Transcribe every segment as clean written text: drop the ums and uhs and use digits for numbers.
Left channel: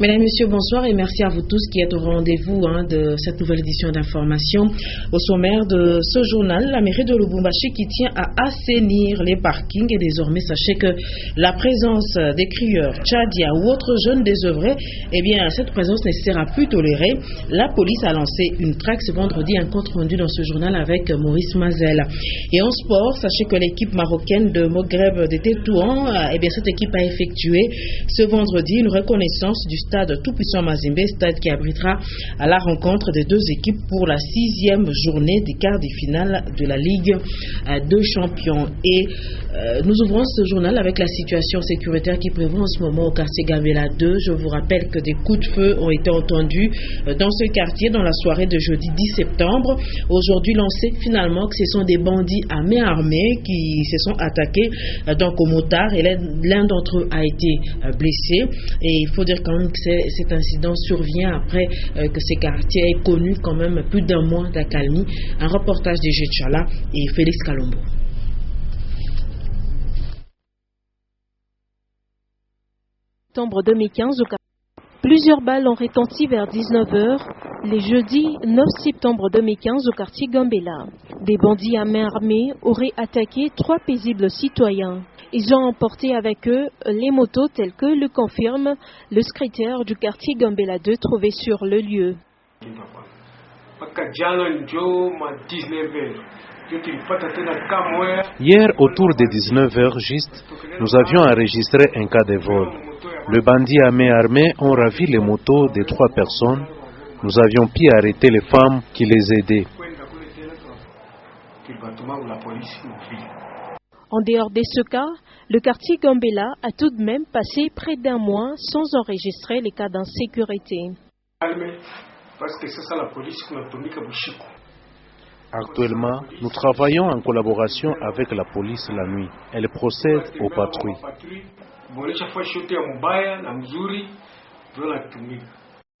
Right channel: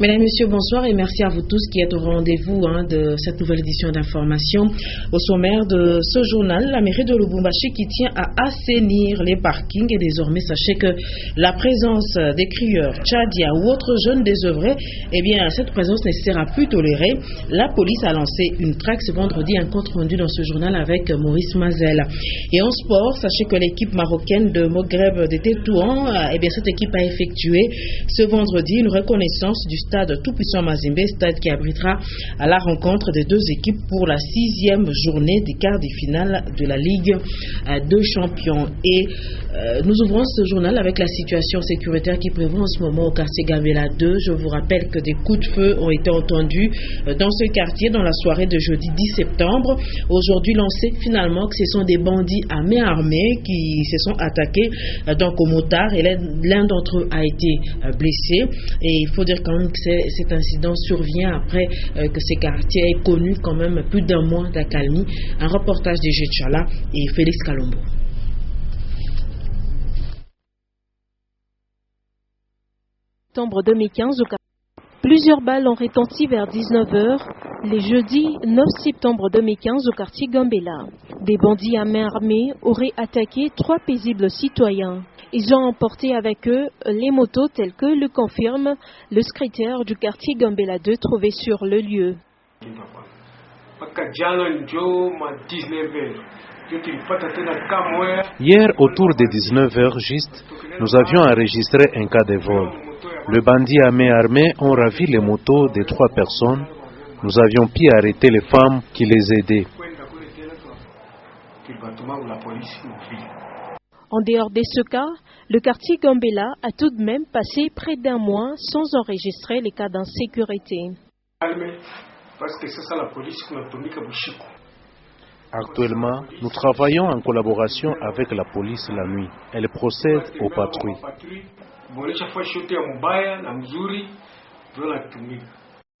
Mesdames, Messieurs, bonsoir et merci à vous tous qui êtes au rendez-vous de cette nouvelle édition d'information. Au sommaire de ce journal, la mairie de Lubumbashi qui tient à assainir les parkings et désormais sachez que la présence des crieurs, tchadiens ou autres jeunes désœuvrés, eh bien cette présence ne sera plus tolérée. La police a lancé une traque ce vendredi, un compte rendu dans ce journal avec Maurice Mazel. Et en sport, sachez que l'équipe marocaine de Moghreb de Tétouan, eh bien cette équipe a effectué ce vendredi une reconnaissance du stade Tout-Puissant Mazembe, stade qui abritera à la rencontre des deux équipes pour la 6e journée des quarts de finale de la Ligue de Champions. Et nous ouvrons ce journal avec la situation sécuritaire qui prévaut en ce moment au quartier Gambela 2. Je vous rappelle que des coups de feu ont été entendus dans ce quartier dans la soirée de jeudi 10 septembre. Aujourd'hui, l'on sait finalement que ce sont des bandits à main armée qui se sont attaqués donc aux motards et l'un d'entre eux a été blessé. Et il faut dire quand même que cet incident survient après que ce quartier ait connu quand même plus d'un mois d'accalmie. Un reportage de Jetchala et Félix Kalombo. Septembre 2015, plusieurs balles ont retenti vers 19h, les jeudis 9 septembre 2015 au quartier Gambela. Des bandits à main armée auraient attaqué 3 paisibles citoyens. Ils ont emporté avec eux les motos telles que le confirme le secrétaire du quartier Gambela 2 trouvé sur le lieu. Hier, autour de 19h juste, nous avions enregistré un cas de vol. Le bandit à main armée ont ravi les motos de 3 personnes. Nous avions pu arrêter les femmes qui les aidaient. En dehors de ce cas, le quartier Gambela a tout de même passé près d'un mois sans enregistrer les cas d'insécurité. Actuellement, nous travaillons en collaboration avec la police la nuit. Elle procède aux patrouilles.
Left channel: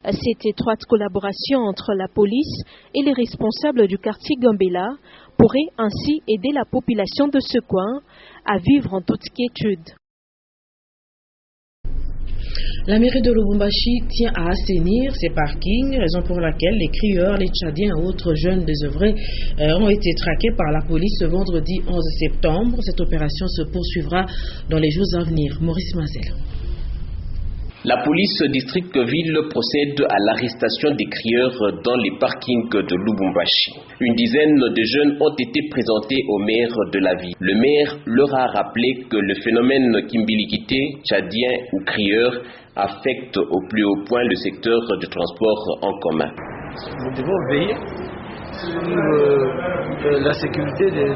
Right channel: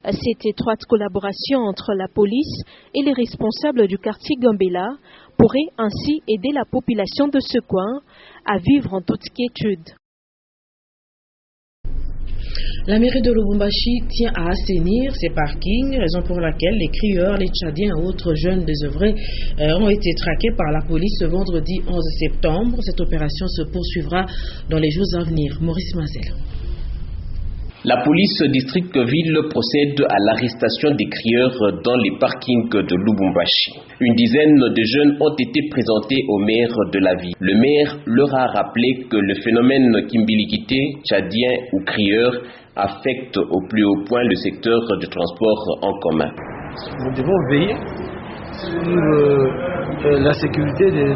Cette étroite collaboration entre la police et les responsables du quartier Gambela pourrait ainsi aider la population de ce coin à vivre en toute quiétude. La mairie de Lubumbashi tient à assainir ses parkings, raison pour laquelle les crieurs, les tchadiens et autres jeunes désœuvrés ont été traqués par la police ce vendredi 11 septembre. Cette opération se poursuivra dans les jours à venir. Maurice Mazel. La police district ville procède à l'arrestation des crieurs dans les parkings de Lubumbashi. Une dizaine de jeunes ont été présentés au maire de la ville. Le maire leur a rappelé que le phénomène kimbilikité, tchadien ou crieur, affecte au plus haut point le secteur du transport en commun. Nous devons veiller sur la sécurité de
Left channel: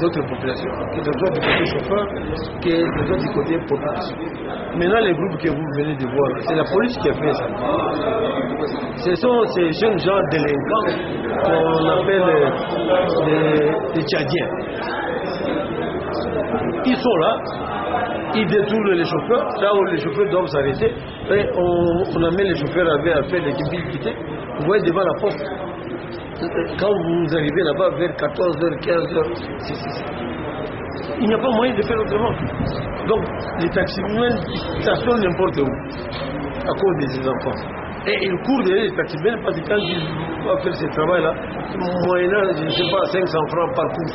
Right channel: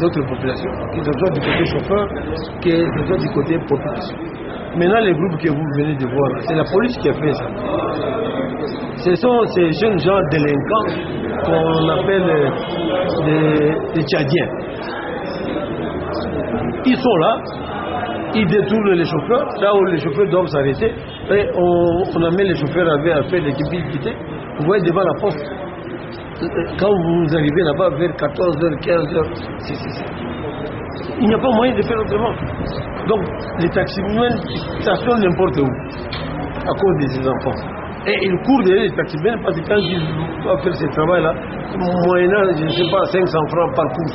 notre population, que ce soit du côté chauffeur, que ce soit du côté population. Maintenant, les groupes que vous venez de voir, c'est la police qui a fait ça. Ce sont ces jeunes gens délinquants qu'on appelle les Tchadiens. Ils sont là, ils détournent les chauffeurs, là où les chauffeurs doivent s'arrêter, et on amène les chauffeurs à faire des kimbilités. Vous voyez devant la porte. Quand vous arrivez là-bas vers 14h, 15h, il n'y a pas moyen de faire autrement. Donc les taximens stationne n'importe où à cause de ces enfants. Et ils courent derrière les taximens parce que quand ils vont faire ce travail-là, moyennant, je ne sais pas, 500 francs par cours.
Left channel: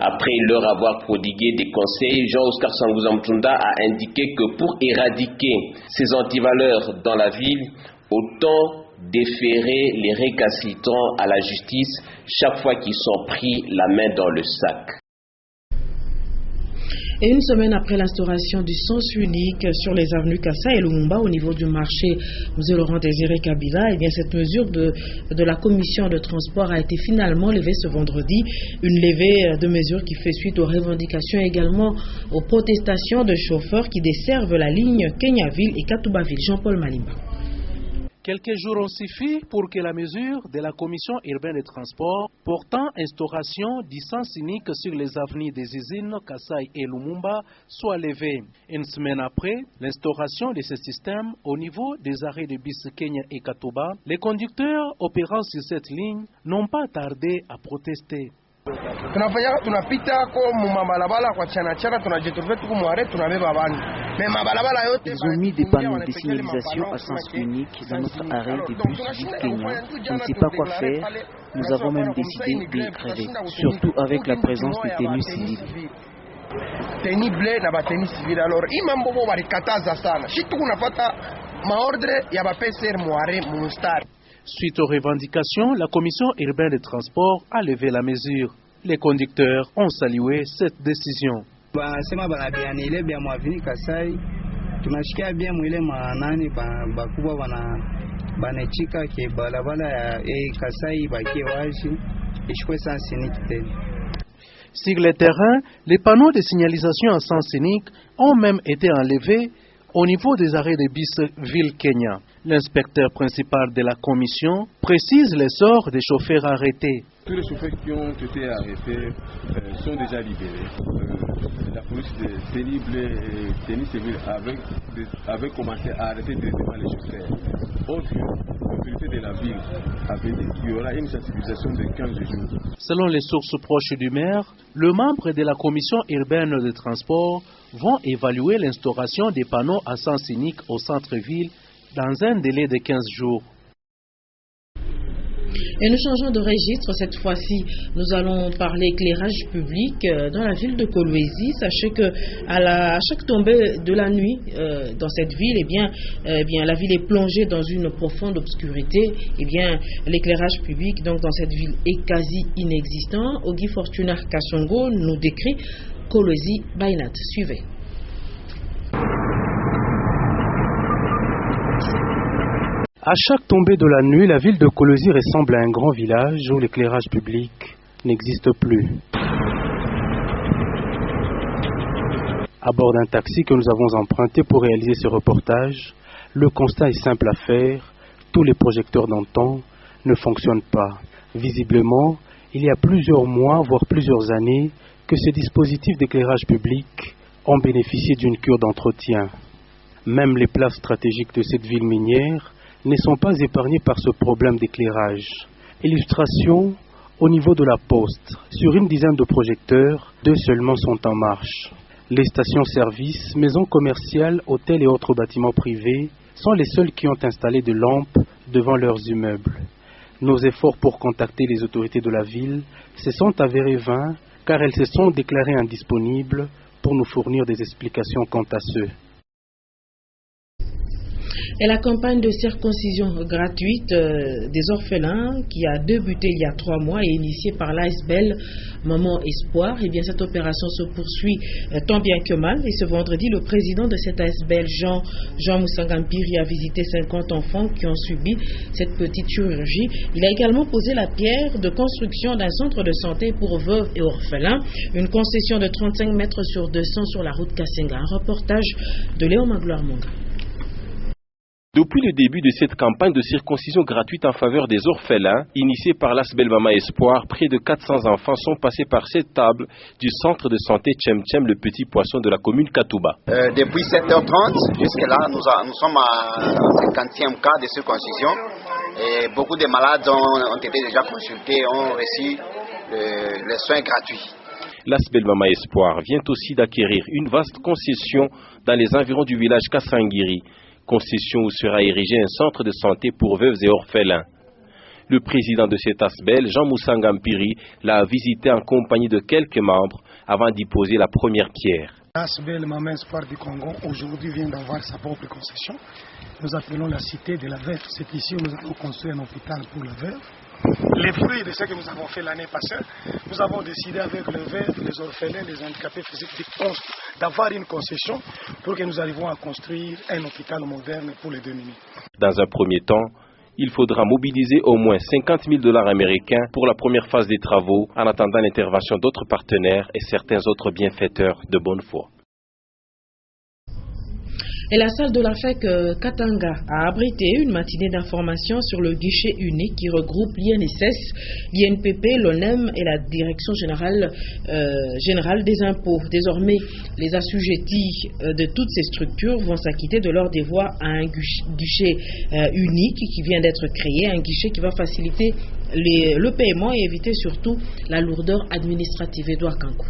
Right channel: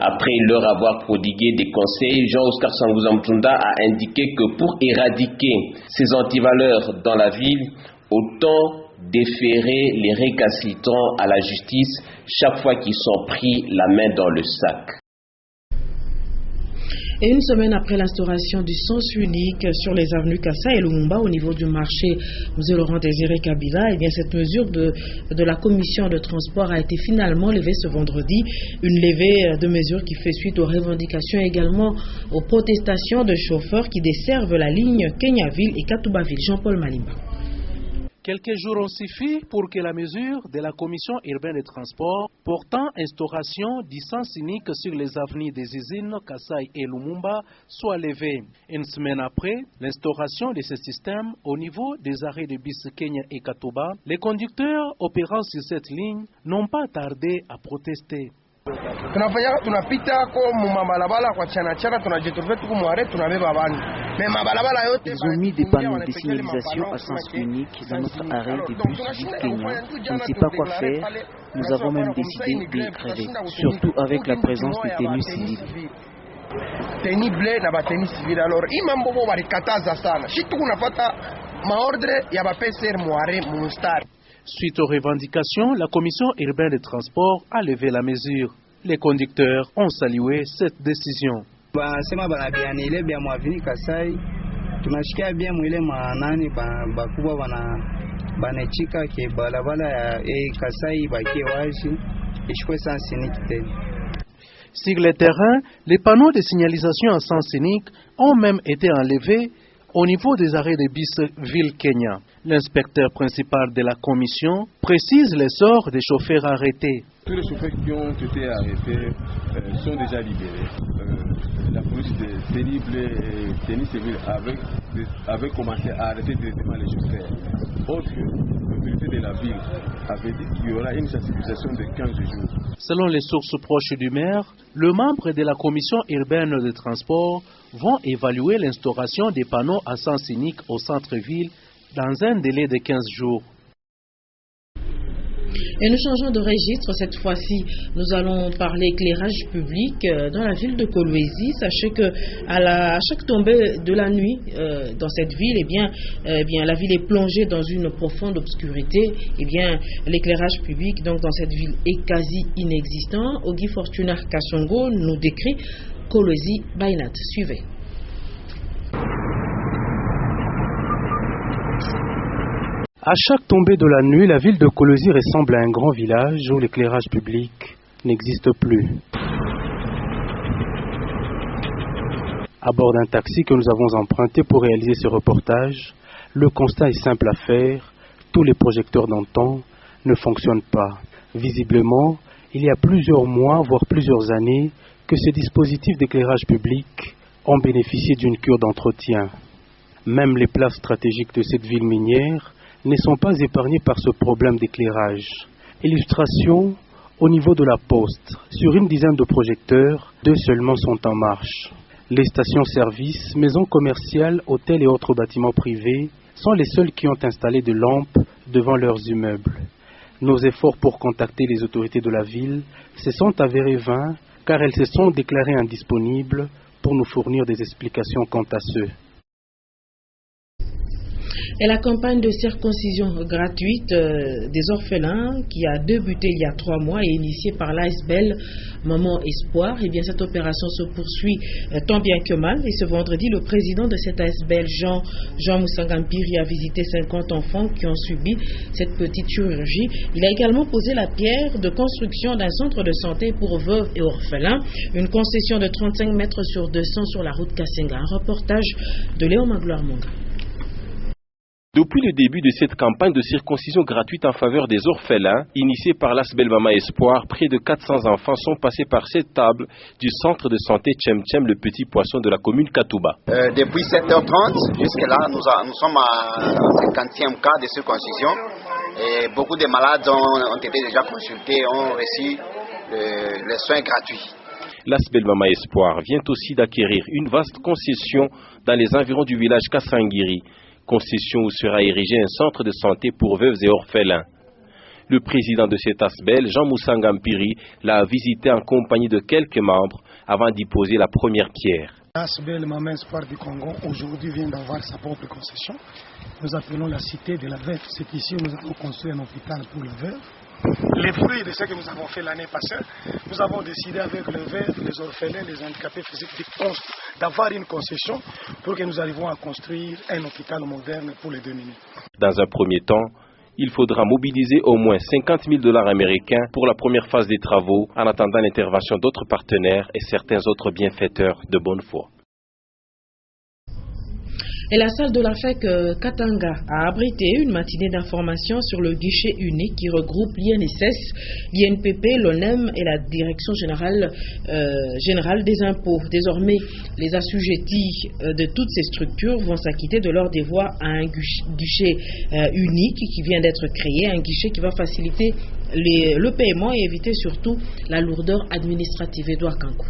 Après leur avoir prodigué des conseils, Jean-Oscar Sangouza Mtunda a indiqué que pour éradiquer ces antivaleurs dans la ville, autant déférer les récalcitrants à la justice chaque fois qu'ils sont pris la main dans le sac. Et une semaine après l'instauration du sens unique sur les avenues Kassa et Lumumba au niveau du marché M. Laurent Désiré Kabila, eh bien cette mesure de la commission de transport a été finalement levée ce vendredi. Une levée de mesures qui fait suite aux revendications et également aux protestations de chauffeurs qui desservent la ligne Kenyaville et Katoubaville. Jean-Paul Malimba. Quelques jours ont suffi pour que la mesure de la Commission urbaine de transport portant instauration du sens unique sur les avenues des usines Kassai et Lumumba soit levée. Une semaine après l'instauration de ce système au niveau des arrêts de bus Kenya et Katoba, les conducteurs opérant sur cette ligne n'ont pas tardé à protester. Ils ont mis des panneaux de signalisation à sens unique dans notre arrêt de bus Ville Kenya. On ne sait pas quoi faire. Nous avons même décidé de gréver, surtout avec la présence de tenues civiles. Suite aux revendications, la commission urbaine des transports a levé la mesure. Les conducteurs ont salué cette décision. Sur les terrains, les panneaux de signalisation à sens unique ont même été enlevés au niveau des arrêts de bus Ville Kenya. L'inspecteur principal de la commission précise les sorts des chauffeurs arrêtés. Tous les chauffeurs qui ont été arrêtés sont déjà libérés. La police de pénible et tenue civile avait commencé à arrêter directement les chauffeurs. Or, l'autorité de la ville avait dit qu'il y aura une sensibilisation de 15 jours. Selon les sources proches du maire, le membre de la commission urbaine de transport vont évaluer l'instauration des panneaux à sens unique au centre-ville dans un délai de 15 jours. Et nous changeons de registre. Cette fois-ci, nous allons parler éclairage public dans la ville de Kolwezi. Sachez que à chaque tombée de la nuit dans cette ville, la ville est plongée dans une profonde obscurité. L'éclairage public donc dans cette ville est quasi inexistant. Ogi Fortuna Kassongo nous décrit Kolwezi Bainat. Suivez. À chaque tombée de la nuit, la ville de Kolwezi ressemble à un grand village où l'éclairage public n'existe plus. À bord d'un taxi que nous avons emprunté pour réaliser ce reportage, le constat est simple à faire. Tous les projecteurs d'antan ne fonctionnent pas. Visiblement, il y a plusieurs mois, voire plusieurs années, que ces dispositifs d'éclairage public ont bénéficié d'une cure d'entretien. Même les places stratégiques de cette ville minière ne sont pas épargnés par ce problème d'éclairage. Illustration, au niveau de la poste, sur une dizaine de projecteurs, 2 seulement sont en marche. Les stations-service, maisons commerciales, hôtels et autres bâtiments privés sont les seuls qui ont installé des lampes devant leurs immeubles. Nos efforts pour contacter les autorités de la ville se sont avérés vains car elles se sont déclarées indisponibles pour nous fournir des explications quant à ceux. Et la campagne de circoncision gratuite des orphelins qui a débuté il y a 3 mois et initiée par l'ASBEL Maman Espoir, cette opération se poursuit tant bien que mal. Et ce vendredi, le président de cette ASBEL, Jean Moussangampiri, a visité 50 enfants qui ont subi cette petite chirurgie. Il a également posé la pierre de construction d'un centre de santé pour veuves et orphelins, une concession de 35 mètres sur 200 sur la route Kassenga. Un reportage de Léon Magloire Monga. Depuis le début de cette campagne de circoncision gratuite en faveur des orphelins, initiée par l'ASBEL Maman Espoir, près de 400 enfants sont passés par cette table du centre de santé Tchem le Petit Poisson de la commune Katouba. Depuis 7h30 jusqu'à là, nous sommes à 50e cas de circoncision et beaucoup de malades ont été déjà consultés, ont reçu les soins gratuits. L'ASBEL Maman Espoir vient aussi d'acquérir une vaste concession dans les environs du village Kassangiri, concession où sera érigé un centre de santé pour veuves et orphelins. Le président de cet ASBEL, Jean Moussangampiri, l'a visité en compagnie de quelques membres avant d'y poser la première pierre. L'ASBEL Maman Espoir du Congo aujourd'hui vient d'avoir sa propre concession. Nous appelons la cité de la veuve. C'est ici où nous avons construit un hôpital pour la veuve. Les fruits de ce que nous avons fait l'année passée, nous avons décidé avec les veuves, les orphelins, les handicapés physiques d'avoir une concession pour que nous arrivions à construire un hôpital moderne pour les démunis. Dans un premier temps, il faudra mobiliser au moins 50 000 $ américains pour la première phase des travaux en attendant l'intervention d'autres partenaires et certains autres bienfaiteurs de bonne foi. Et la salle de la FEC Katanga a abrité une matinée d'information sur le guichet unique qui regroupe l'INSS, l'INPP, l'ONEM et la Direction générale des impôts. Désormais, les assujettis de toutes ces structures vont s'acquitter de leurs devoirs à un guichet unique qui vient d'être créé, un guichet qui va faciliter le paiement et éviter surtout la lourdeur administrative. Edouard Kankou.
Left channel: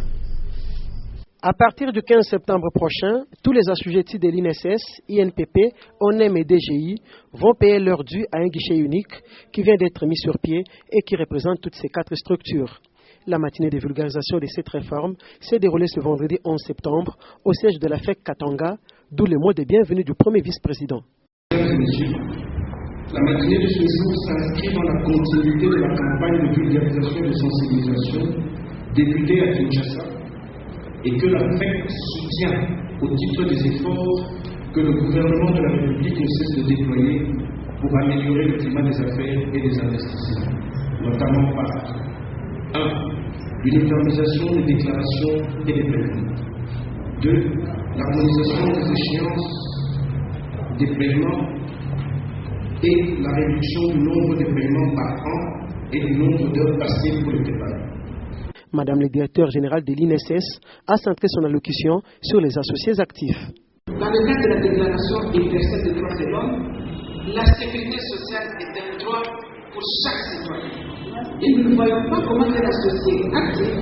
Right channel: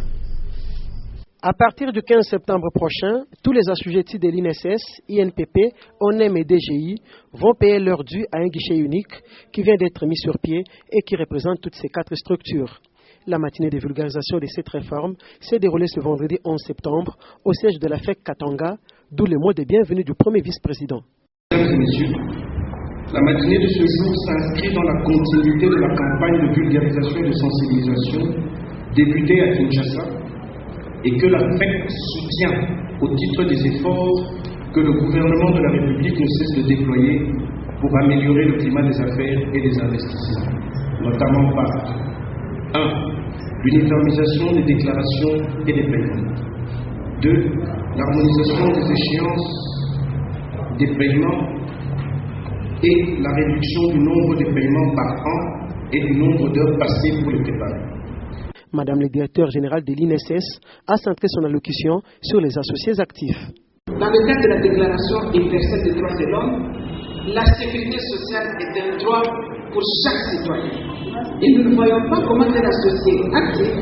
À partir du 15 septembre prochain, tous les assujettis de l'INSS, INPP, ONEM et DGI vont payer leur dû à un guichet unique qui vient d'être mis sur pied et qui représente toutes ces 4 structures. La matinée de vulgarisation de cette réforme s'est déroulée ce vendredi 11 septembre au siège de la FEC Katanga, d'où le mot de bienvenue du premier vice-président. Mesdames et messieurs, la matinée de ce jour s'inscrit dans la continuité de la campagne de vulgarisation et de sensibilisation débutée à Kinshasa, et que la FEC soutient au titre des efforts que le gouvernement de la République ne cesse de déployer pour améliorer le climat des affaires et des investissements, notamment par 1. L'uniformisation des déclarations et des paiements. 2. L'harmonisation des échéances des paiements et la réduction du nombre de paiements par an et du nombre d'heures passées pour le travail. Madame le directeur général de l'INSS a centré son allocution sur les associés actifs. Dans le cadre de la Déclaration universelle des droits de l'homme, la sécurité sociale est un droit pour chaque citoyen. Et nous ne voyons pas comment un associé actif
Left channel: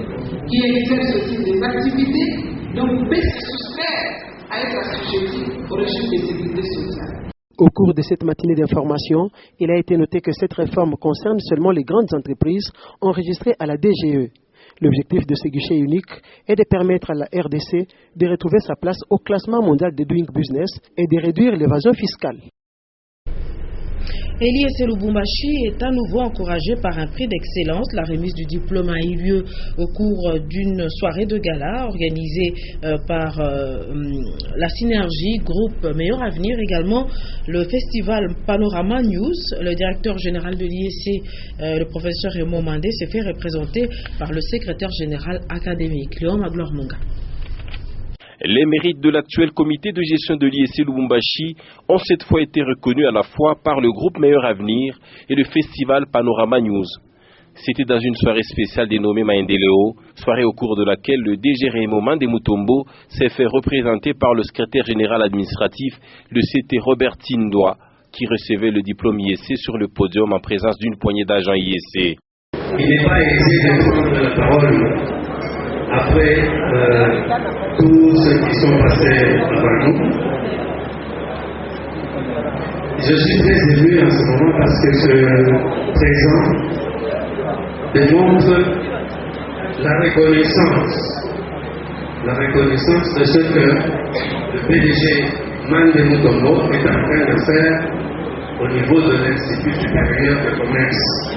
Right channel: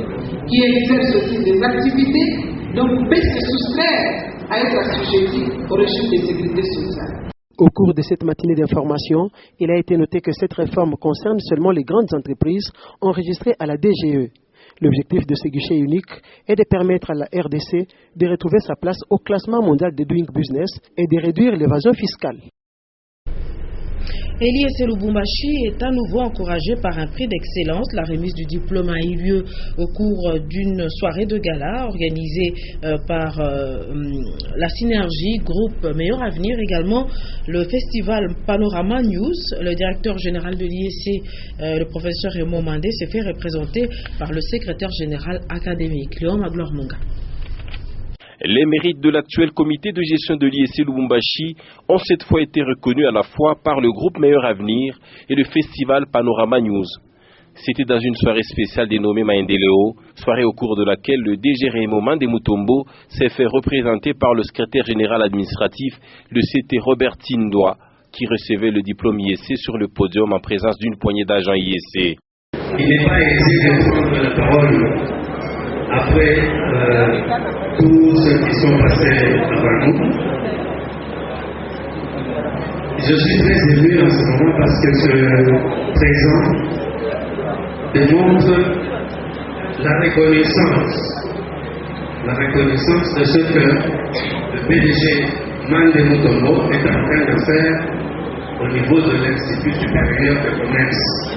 qui exerce aussi des activités donc peut se soustraire à être assujetti au régime de sécurité sociale. Au cours de cette matinée d'information, il a été noté que cette réforme concerne seulement les grandes entreprises enregistrées à la DGE. L'objectif de ce guichet unique est de permettre à la RDC de retrouver sa place au classement mondial de Doing Business et de réduire l'évasion fiscale. Eliécé Lubumbashi est à nouveau encouragé par un prix d'excellence. La remise du diplôme a eu lieu au cours d'une soirée de gala organisée par la Synergie, groupe Meilleur Avenir, également le festival Panorama News. Le directeur général de l'IEC, le professeur Raymond Mandé, s'est fait représenter par le secrétaire général académique, Léon Magloire Munga. Les mérites de l'actuel comité de gestion de l'IEC Lubumbashi ont cette fois été reconnus à la fois par le groupe Meilleur Avenir et le festival Panorama News. C'était dans une soirée spéciale dénommée Maendeleo, soirée au cours de laquelle le DG Raymond Mandé Mutombo s'est fait représenter par le secrétaire général administratif, le CT Robert Tindoa, qui recevait le diplôme IEC sur le podium en présence d'une poignée d'agents IEC. Il n'est pas aisé de prendre la parole après tous ceux qui sont passés avant nous. Je suis très ému en ce moment parce que ce présent démontre la reconnaissance de ce que le PDG Mandé Mutombo est en train de faire au niveau de l'Institut supérieur de commerce.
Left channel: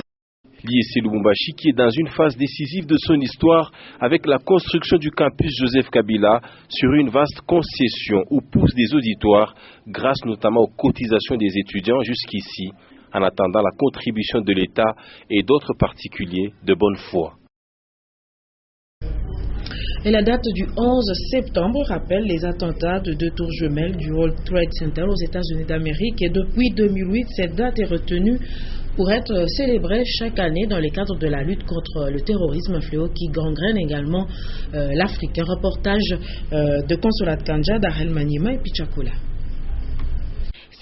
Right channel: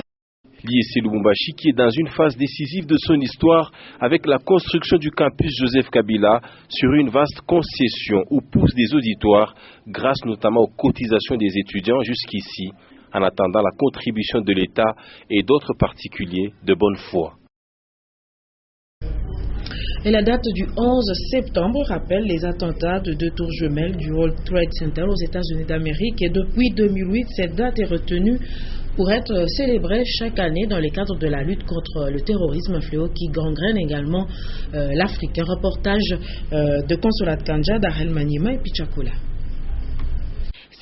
L'IEC Lubumbashi qui est dans une phase décisive de son histoire avec la construction du campus Joseph Kabila sur une vaste concession où poussent des auditoires grâce notamment aux cotisations des étudiants jusqu'ici en attendant la contribution de l'État et d'autres particuliers de bonne foi. Et la date du 11 septembre rappelle les attentats de 2 tours jumelles du World Trade Center aux États-Unis d'Amérique. Et depuis 2008, cette date est retenue pour être célébrée chaque année dans le cadre de la lutte contre le terrorisme, un fléau qui gangrène également l'Afrique. Un reportage de Consolat Kanja, Darel Manima et Pichakula.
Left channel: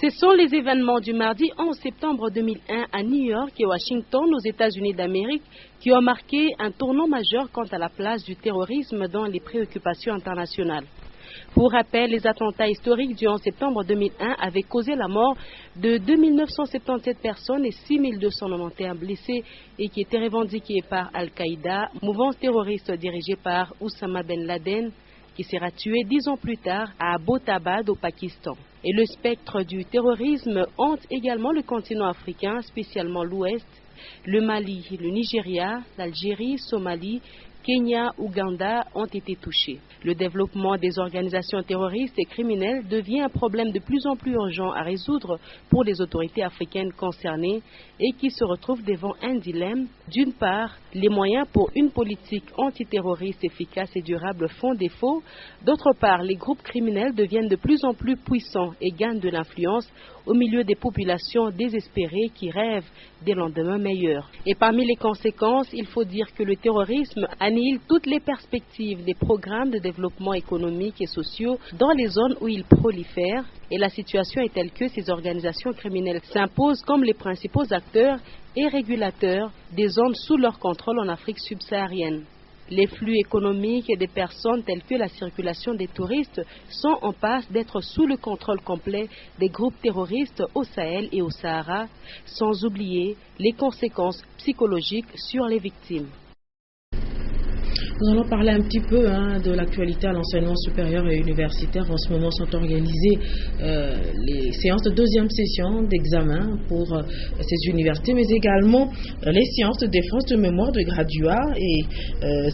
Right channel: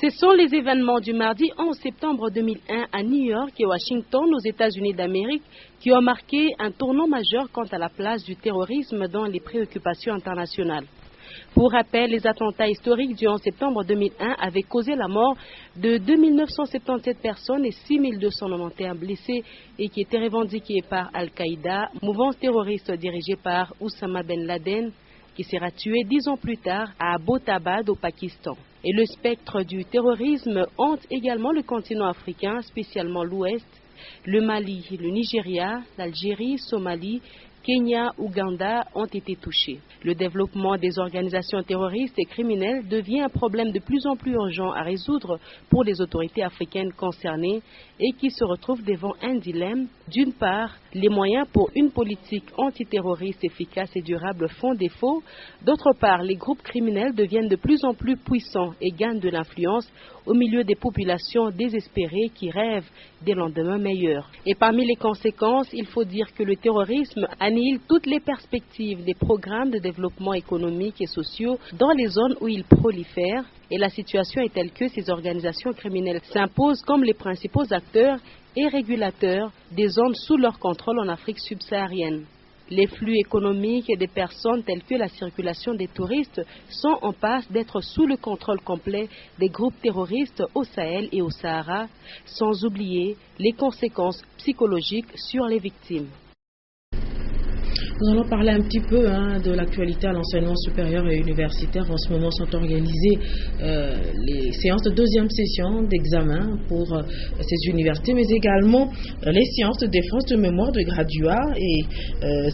Ce sont les événements du mardi 11 septembre 2001 à New York et Washington, aux États-Unis d'Amérique, qui ont marqué un tournant majeur quant à la place du terrorisme dans les préoccupations internationales. Pour rappel, les attentats historiques du 11 septembre 2001 avaient causé la mort de 2977 personnes et 6291 blessés et qui étaient revendiqués par Al-Qaïda, mouvance terroriste dirigée par Oussama Ben Laden, qui sera tué 10 ans plus tard à Abbottabad au Pakistan. Et le spectre du terrorisme hante également le continent africain, spécialement l'Ouest, le Mali, le Nigeria, l'Algérie, Somalie, Kenya, Ouganda ont été touchés. Le développement des organisations terroristes et criminelles devient un problème de plus en plus urgent à résoudre pour les autorités africaines concernées et qui se retrouvent devant un dilemme. D'une part, les moyens pour une politique antiterroriste efficace et durable font défaut. D'autre part, les groupes criminels deviennent de plus en plus puissants et gagnent de l'influence au milieu des populations désespérées qui rêvent des lendemains meilleurs. Et parmi les conséquences, il faut dire que le terrorisme annihile toutes les perspectives des programmes de développement économique et sociaux dans les zones où il prolifère. Et la situation est telle que ces organisations criminelles s'imposent comme les principaux acteurs et régulateurs des zones sous leur contrôle en Afrique subsaharienne. Les flux économiques et des personnes tels que la circulation des touristes sont en passe d'être sous le contrôle complet des groupes terroristes au Sahel et au Sahara, sans oublier les conséquences psychologiques sur les victimes. Nous allons parler un petit peu de l'actualité à l'enseignement supérieur et universitaire. En ce moment sont organisées les séances de deuxième session d'examen pour ces universités, mais également les séances de défense de mémoire de graduats. Et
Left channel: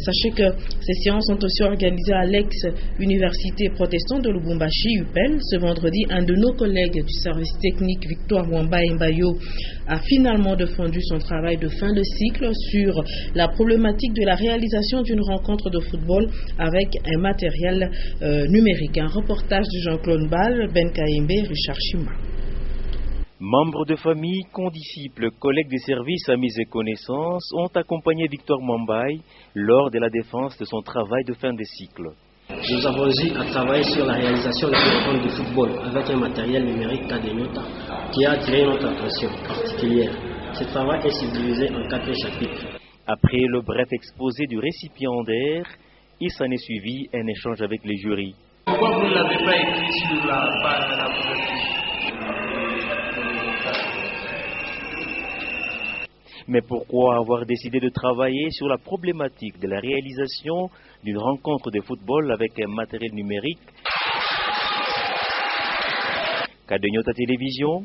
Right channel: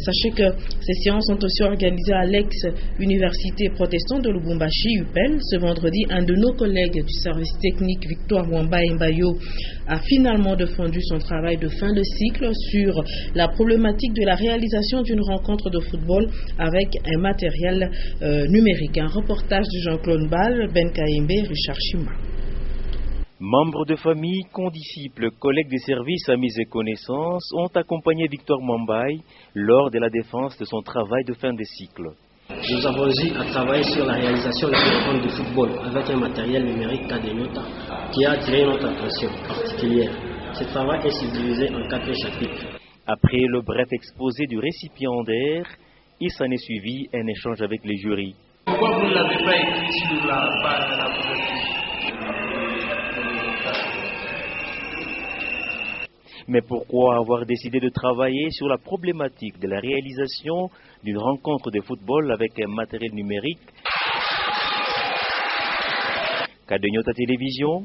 sachez que ces séances sont aussi organisées à l'ex-université protestante de Lubumbashi, UPEL. Ce vendredi, un de nos collègues du service technique, Victoire Mwamba Mbayo, a finalement défendu son travail de fin de cycle sur la problématique de la réalisation d'une rencontre de football avec un matériel numérique. Un reportage de Jean-Claude Ball, Ben Kaimbe, Richard Chima. Membres de famille, condisciples, collègues des services, amis et connaissances ont accompagné Victor Mwambaye lors de la défense de son travail de fin de cycle. Nous avons eu à travailler sur la réalisation de la rencontre de football avec un matériel numérique Cadenyota qui a attiré notre attention particulière. Ce travail est subdivisé en 4 chapitres. Après le bref exposé du récipiendaire, il s'en est suivi un échange avec les jurys. Pourquoi vous ne l'avez pas écrit sur la page de la couverture? Mais pourquoi avoir décidé de travailler sur la problématique de la réalisation d'une rencontre de football avec un matériel numérique? Cadenyota Télévision.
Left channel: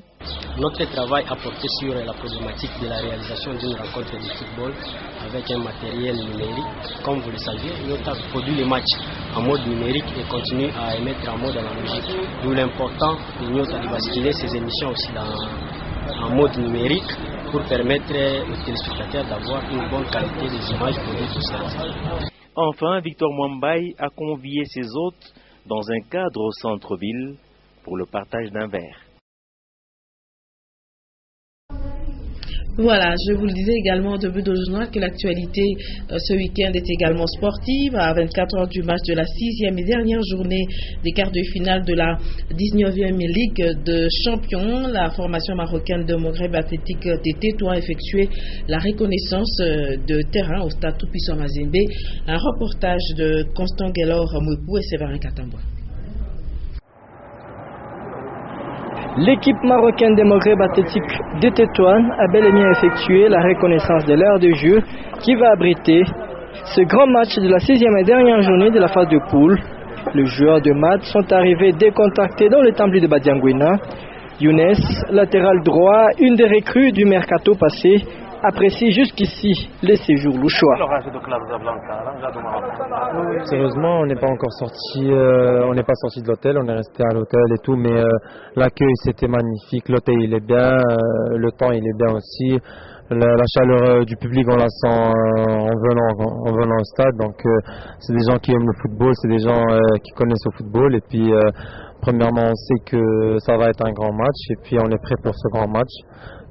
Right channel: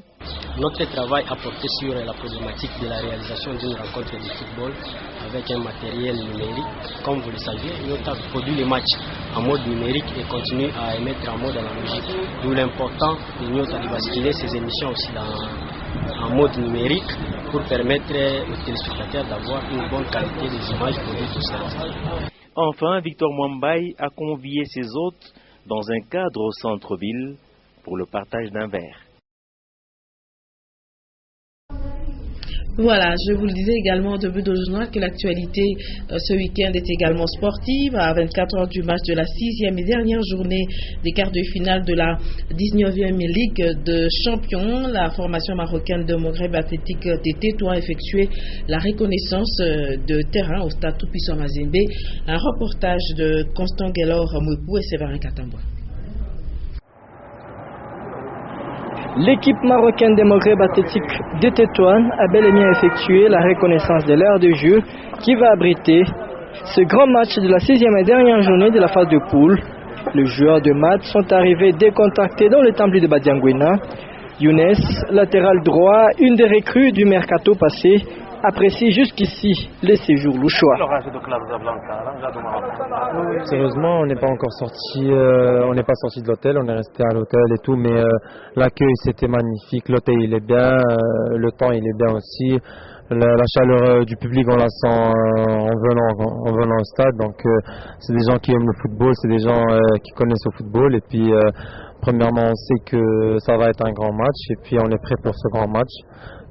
Notre travail a porté sur la problématique de la réalisation d'une rencontre de football avec un matériel numérique. Comme vous le savez, Nyota produit les matchs en mode numérique et continue à émettre en mode analogique. D'où l'important de Nyota de basculer ses émissions aussi en mode numérique pour permettre aux téléspectateurs d'avoir une bonne qualité des images produites au centre. Enfin, Victor Mwambaye a convié ses hôtes dans un cadre au centre-ville pour le partage d'un verre. Voilà, je vous le disais également au début de journal que l'actualité ce week-end est également sportive. À 24 heures du match de la 6e et dernière journée des quarts de finale de la 19e Ligue de Champions, la formation marocaine de Maghreb Athlétique TT doit effectuer la reconnaissance de terrain au stade Tout-Puissant Mazembe. Un reportage de Constant Guelor Mwepou et Séverin Katambwa. L'équipe marocaine des Maghreb Athlétique de Tétouan a bel et bien effectué la reconnaissance de l'aire de jeu qui va abriter ce grand match de la 6e et dernière journée de la phase de poule. Les joueurs de match sont arrivés décontractés dans le temple de Badiangouina. Younes, latéral droit, une des recrues du mercato passé, apprécie jusqu'ici les séjours louchois. Sérieusement, on n'est pas encore sorti, on n'est pas sorti de l'hôtel, on est resté à l'hôtel et tout, mais l'accueil c'était magnifique, l'hôtel il est bien, le temps il est bien aussi, la chaleur du public on la sent en venant au stade, donc c'est des gens qui aiment le football, c'est des gens qui connaissent le football, et puis premièrement on sait que ça va être un grand match, et puis on est prêt pour ce grand match.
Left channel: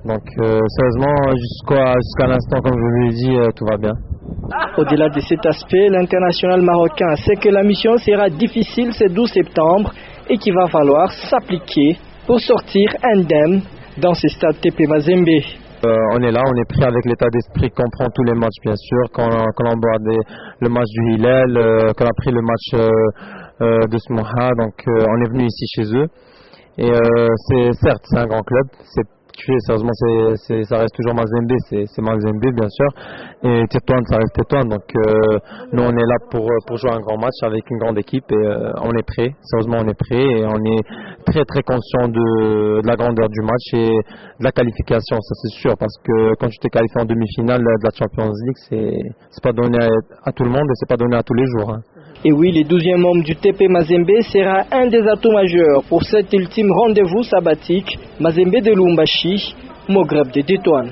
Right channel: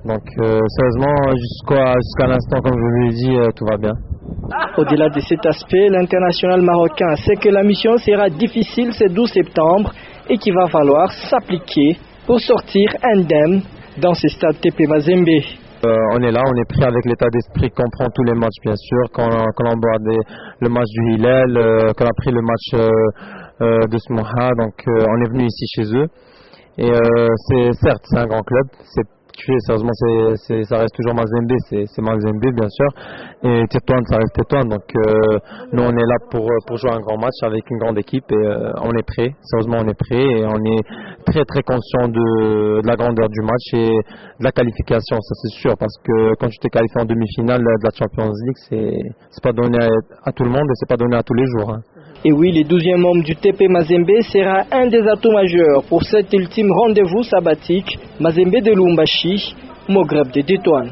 Donc sérieusement, jusqu'à l'instant, comme je vous l'ai dit, tout va bien. Au-delà de cet aspect, l'international marocain sait que la mission sera difficile ce 12 septembre et qu'il va falloir s'appliquer pour sortir indemne dans ce stade TP Mazembe. On est là, on est prêt avec l'état d'esprit qu'on prend tous les matchs bien sûr, qu'on aborde le match du Hillel, qu'on a pris le match de Smoha, donc on est venu ici chez eux. Et c'est un grand club, fluctuer. Sérieusement, ça reste toujours Mazembe, c'est Mazembe bien sûr, et Tétouan, ça reste Tétouan. Donc nous on est là pour jouer un grand match avec une grande équipe et on est prêt. Sérieusement, on est prêt et on est très très conscient de la grandeur du match et de la qualification, ça c'est sûr, parce que quand tu t'es qualifié en demi-finale de la Champions League, c'est pas donné à tout le monde et c'est pas donné à tous les jours. Et oui, le 12e membre du TP Mazembe sera un des atouts majeurs pour cet ultime rendez-vous sabbatique. Mazembe de Lubumbashi, Maghreb de Tétouan.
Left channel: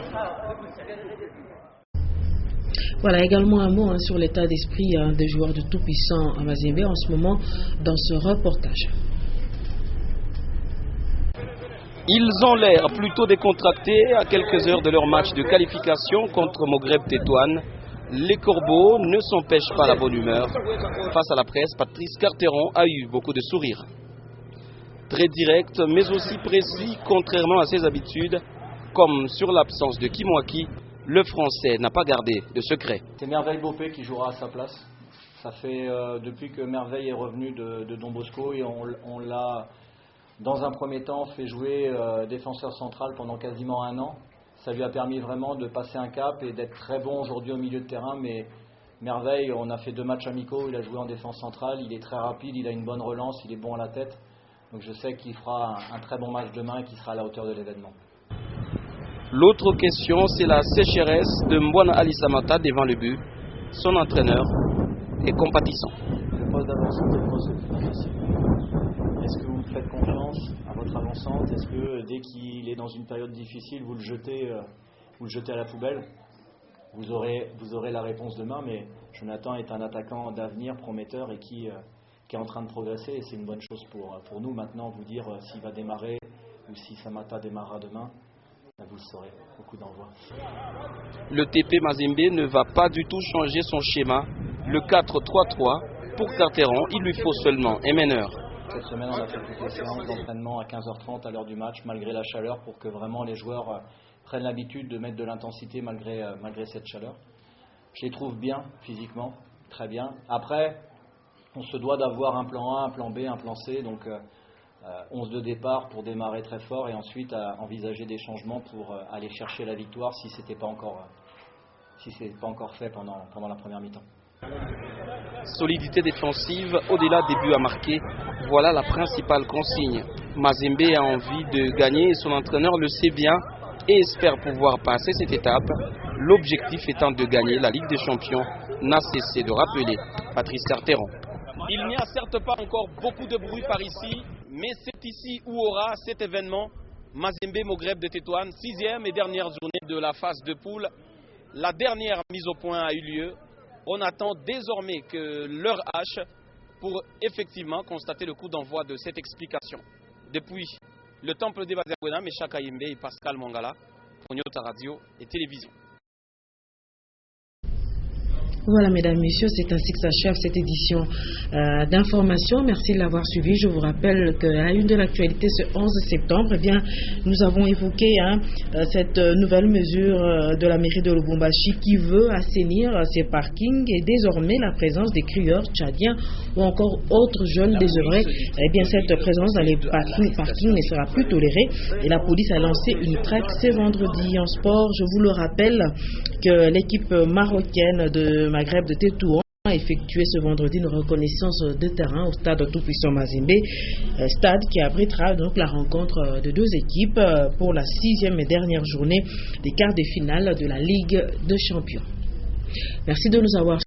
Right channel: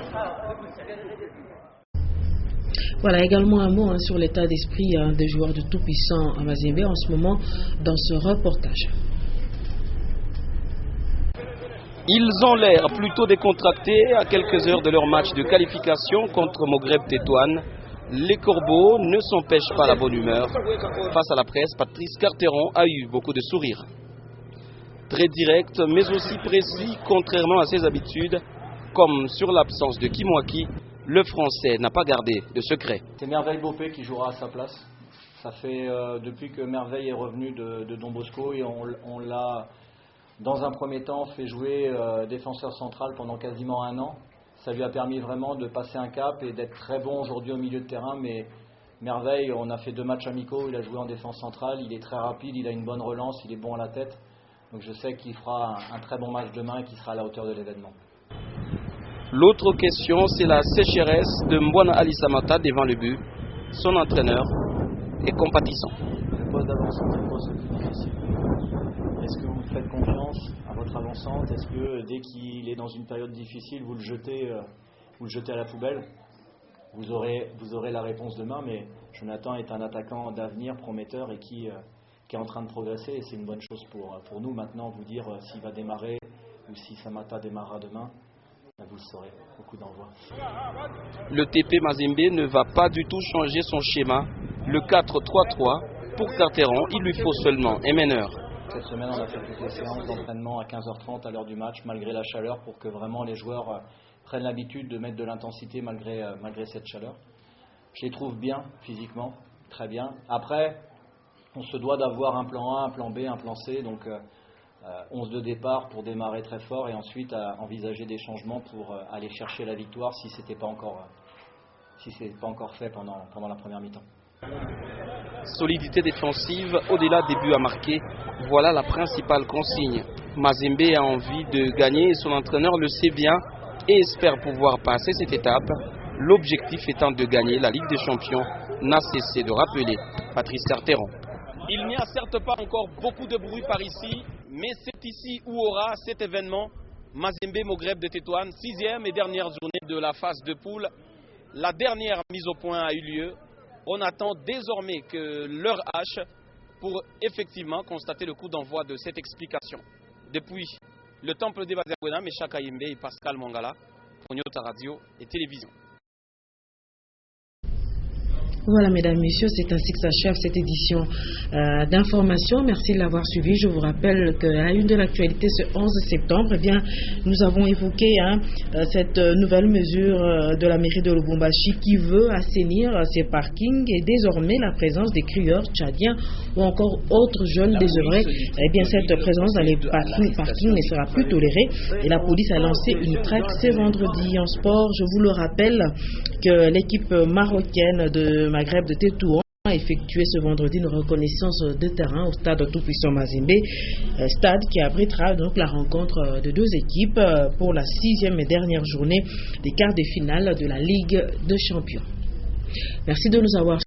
Voilà, également un mot sur l'état d'esprit des joueurs de tout-puissant à Mazembe en ce moment dans ce reportage. Ils ont l'air plutôt décontractés à quelques heures de leur match de qualification contre Maghreb Tétouan. Les corbeaux ne s'empêchent pas la bonne humeur. Face à la presse, Patrice Carteron a eu beaucoup de sourires. Très direct, mais aussi précis, contrairement à ses habitudes, comme sur l'absence de Kimwaki, le Français n'a pas gardé de secret. C'est Merveille Bopé qui jouera à sa place. Ça fait depuis que Merveille est revenu de Don Bosco et on l'a, dans un premier temps, fait jouer défenseur central pendant quasiment 1 an. Ça lui a permis vraiment de passer un cap et d'être très bon aujourd'hui au milieu de terrain. Mais Merveille, on a fait 2 matchs amicaux, il a joué en défense centrale, il est très rapide, il a une bonne relance, il est bon à la tête. Donc je sais qu'il fera un très bon match demain et qu'il sera à la hauteur de l'événement. L'autre question, c'est la sécheresse de Mbwana Ali Samata devant le but. Son entraîneur est compatissant. Le poste d'avancante est le poste le plus difficile. Est-ce que vous faites confiance à votre avançante? Est-ce que dès qu'il est dans une période difficile, vous le jetez à la poubelle? Vous aurez la réponse demain, mais Jonathan est un attaquant d'avenir, prometteur et qui est en train de progresser. Et c'est une bonne chose pour nous maintenant, vous dire s'il va démarrer ou si Samata démarrera demain. Vous le saurez, au coup d'envoi. Le TP Mazembe ne va pas du tout changer son schéma. Le 4-3-3, pour Carteron, il lui faut seulement un meneur. Cette semaine, on a fait toutes les séances d'entraînement à 15h30 à l'heure du match, malgré la chaleur, pour que vraiment les joueurs prennent l'habitude de mettre de l'intensité malgré cette chaleur. Je les trouve bien, physiquement, très bien. Après, on se doit d'avoir un plan A, un plan B, un plan C, donc 11 de départ pour démarrer très fort et ensuite envisager des changements pour aller chercher la victoire si ce n'était pas encore fait pendant la première mi-temps. Solidité défensive, au-delà des buts à marquer, voilà la principale consigne. Mazembe a envie de gagner et son entraîneur le sait bien et espère pouvoir passer cette étape. L'objectif étant de gagner la Ligue des Champions, n'a cessé de rappeler Patrice Carteron. Il n'y a certes pas encore beaucoup de bruit par ici, mais c'est ici où aura cet événement. Mazembe Maghreb de Tétouan, 6e et dernière journée de la phase de poule. La dernière mise au point a eu lieu. On attend désormais que l'heure H pour effectivement constater le coup d'envoi de cette explication. Depuis le temple des Bazabouena, Mecha Kayembe et Pascal Mangala, pour Nyota Radio et Télévision. Voilà, mesdames, messieurs, c'est ainsi que s'achève cette édition d'information. Merci de l'avoir suivi. Je vous rappelle qu'à la une de l'actualité ce 11 septembre, eh bien, nous avons évoqué cette nouvelle mesure de la mairie de Lubumbashi qui veut assainir ses parkings et désormais la présence des crieurs tchadiens ou encore autres jeunes désœuvrés. Eh bien, cette présence dans les parkings ne sera plus tolérée et la police a lancé une traque ce vendredi. En sport, je vous le rappelle que l'équipe marocaine de Maghreb de Tétouan a effectué ce vendredi une reconnaissance de terrain au stade Tout-Puissant Mazembe, stade qui abritera donc la rencontre de 2 équipes pour la 6e et dernière journée des quarts de finale de la Ligue des Champions. Merci de nous avoir